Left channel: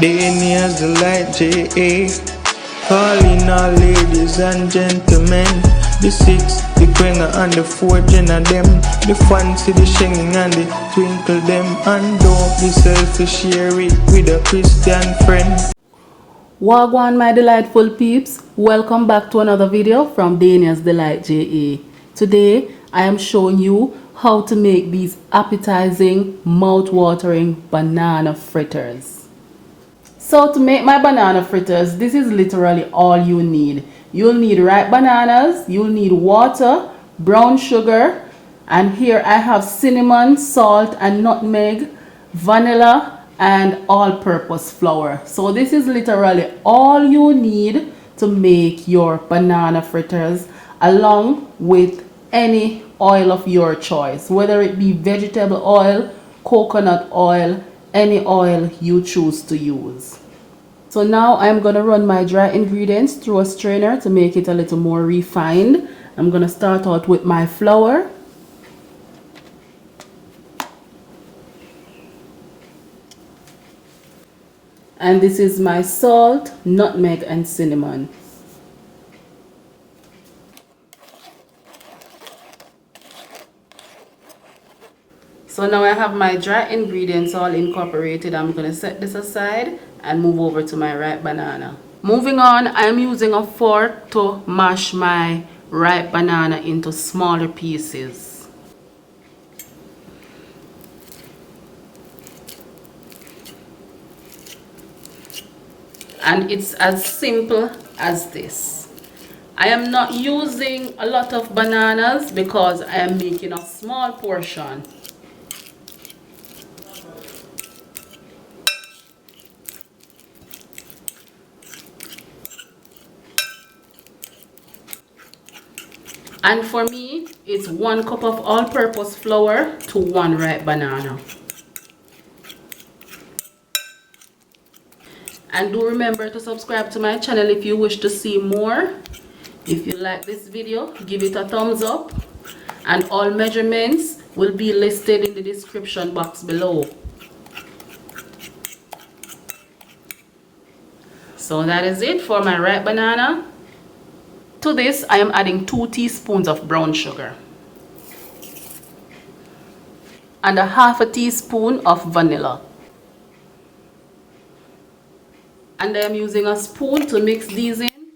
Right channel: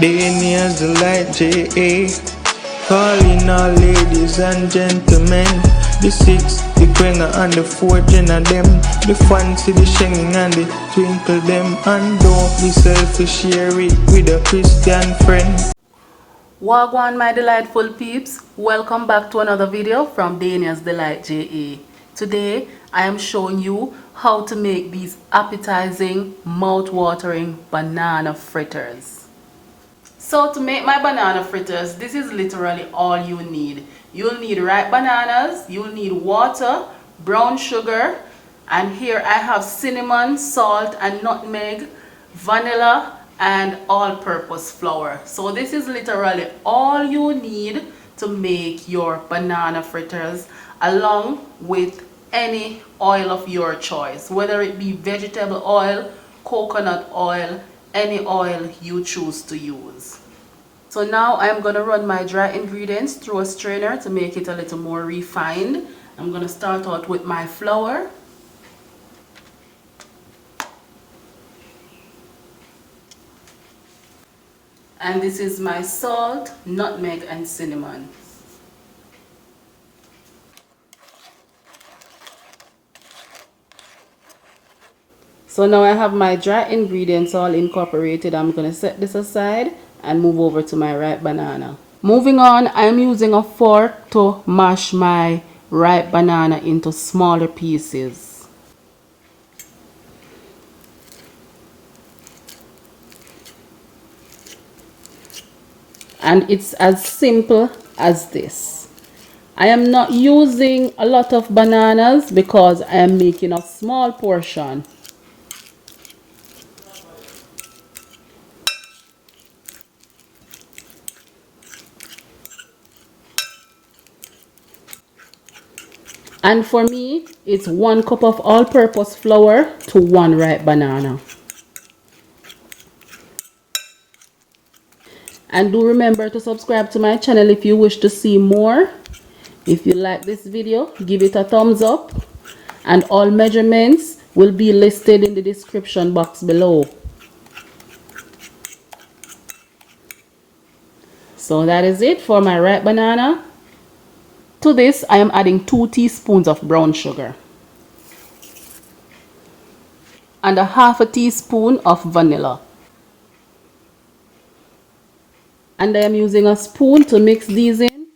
Day nears the light J.A. Calling all ladies and gentlemen. The 6, the quenga and the 4 gen of them. The fancy, the shinging and the twinkle them. And don't be selfish, share it with a Christian friend. Wagwan my delightful peeps, welcome back to another video from Daniel's Delight JA. Today I am showing you how to make these appetizing, mouth-watering banana fritters. So to make my banana fritters, this is literally all you need. You'll need ripe bananas, you'll need water, brown sugar, and here I have cinnamon, salt and nutmeg, vanilla and all-purpose flour. So this is literally all you need to make your banana fritters, along with any oil of your choice, whether it be vegetable oil, coconut oil, any oil you choose to use. So now I'm going to run my dry ingredients through a strainer to make it a little more refined. I'm going to start out with my flour. And this is my salt, nutmeg and cinnamon. So now I have my dry ingredients all incorporated. I'm going to set this aside and move over to my ripe banana. Moving on, I'm using a fork to mash my ripe banana into smaller pieces. And it's as simple as this. I am not using a lot of bananas because I am making a small portion. And for me, it's 1 cup of all-purpose flour to 1 ripe banana. And do remember to subscribe to my channel if you wish to see more. If you like this video, give it a thumbs up. And all measurements will be listed in the description box below. So that is it for my ripe banana. To this, I am adding 2 teaspoons of brown sugar and a half a teaspoon of vanilla. And I am using a spoon to mix these in.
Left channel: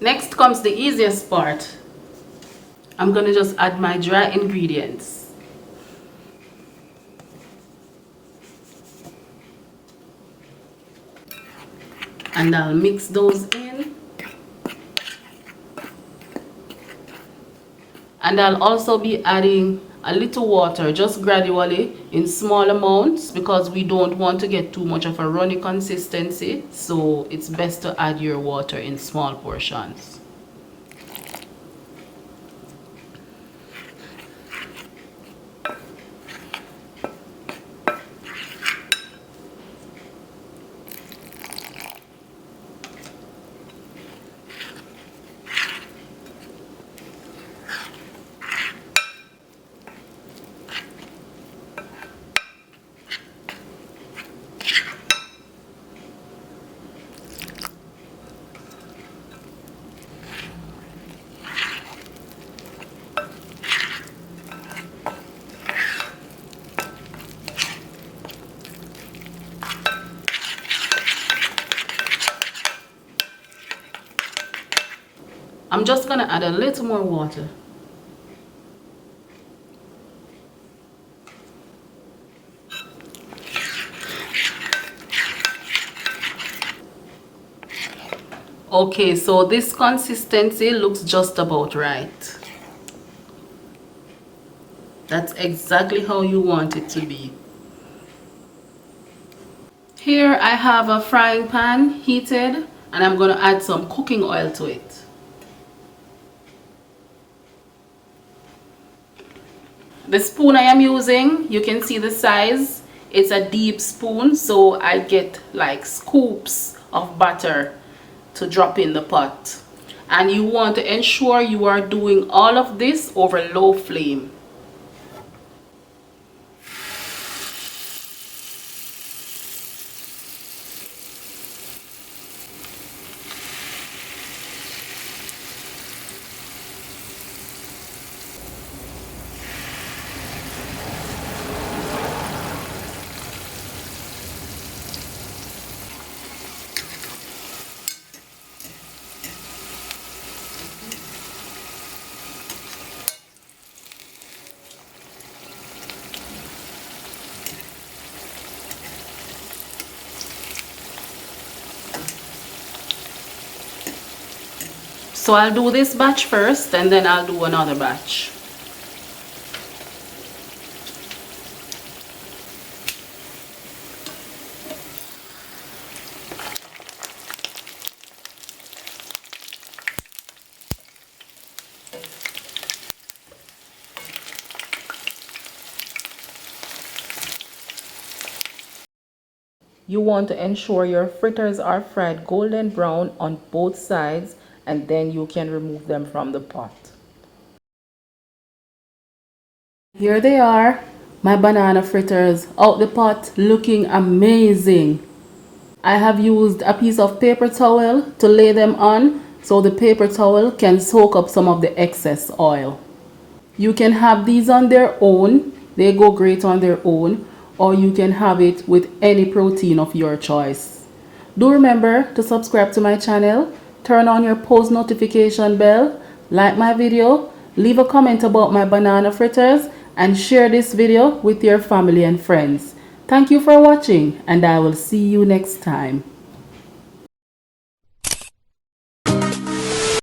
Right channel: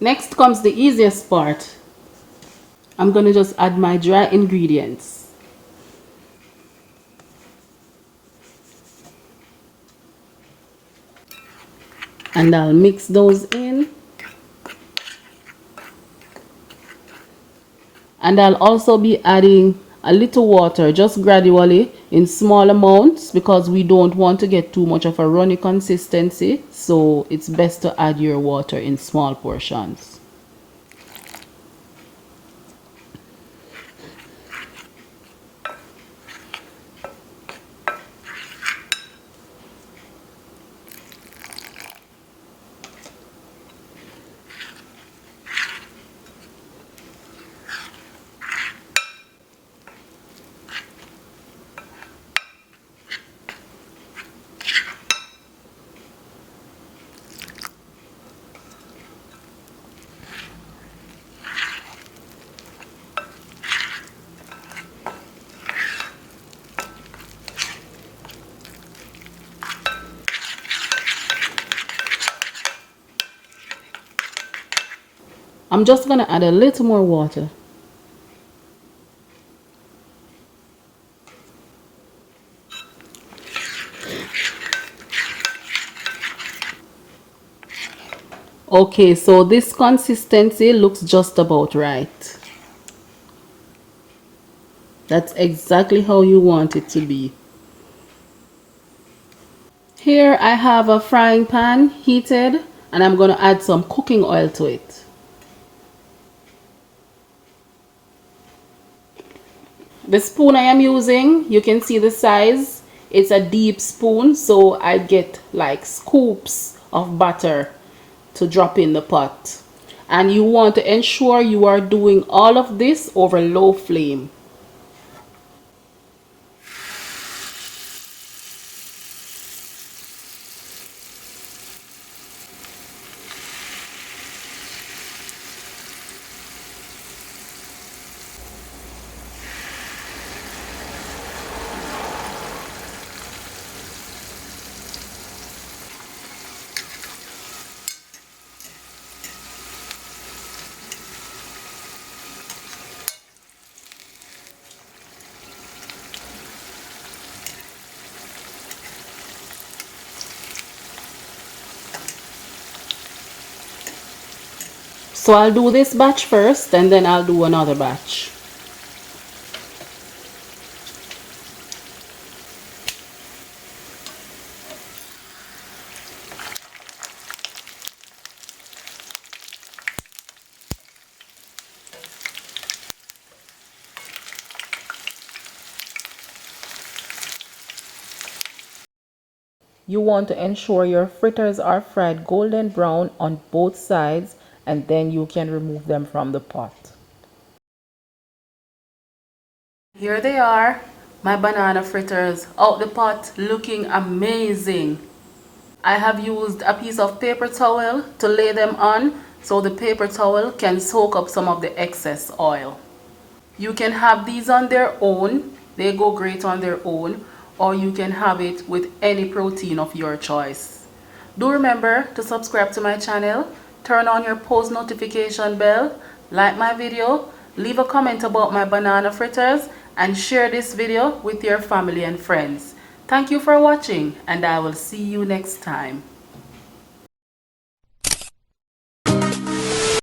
Next comes the easiest part. I'm going to just add my dry ingredients. And I'll mix those in. And I'll also be adding a little water, just gradually in small amounts, because we don't want to get too much of a runny consistency. So it's best to add your water in small portions. I'm just going to add a little more water. Okay, so this consistency looks just about right. That's exactly how you want it to be. Here I have a frying pan heated and I'm going to add some cooking oil to it. The spoon I am using, you can see the size. It's a deep spoon, so I get like scoops of butter to drop in the pot. And you want to ensure you are doing all of this over low flame. So I'll do this batch first and then I'll do another batch. You want to ensure your fritters are fried golden brown on both sides, and then you can remove them from the pot. Here they are, my banana fritters out the pot, looking amazing. I have used a piece of paper towel to lay them on so the paper towel can soak up some of the excess oil. You can have these on their own, they go great on their own, or you can have it with any protein of your choice. Do remember to subscribe to my channel, turn on your post notification bell, like my video, leave a comment about my banana fritters, and share this video with your family and friends. Thank you for watching, and I will see you next time.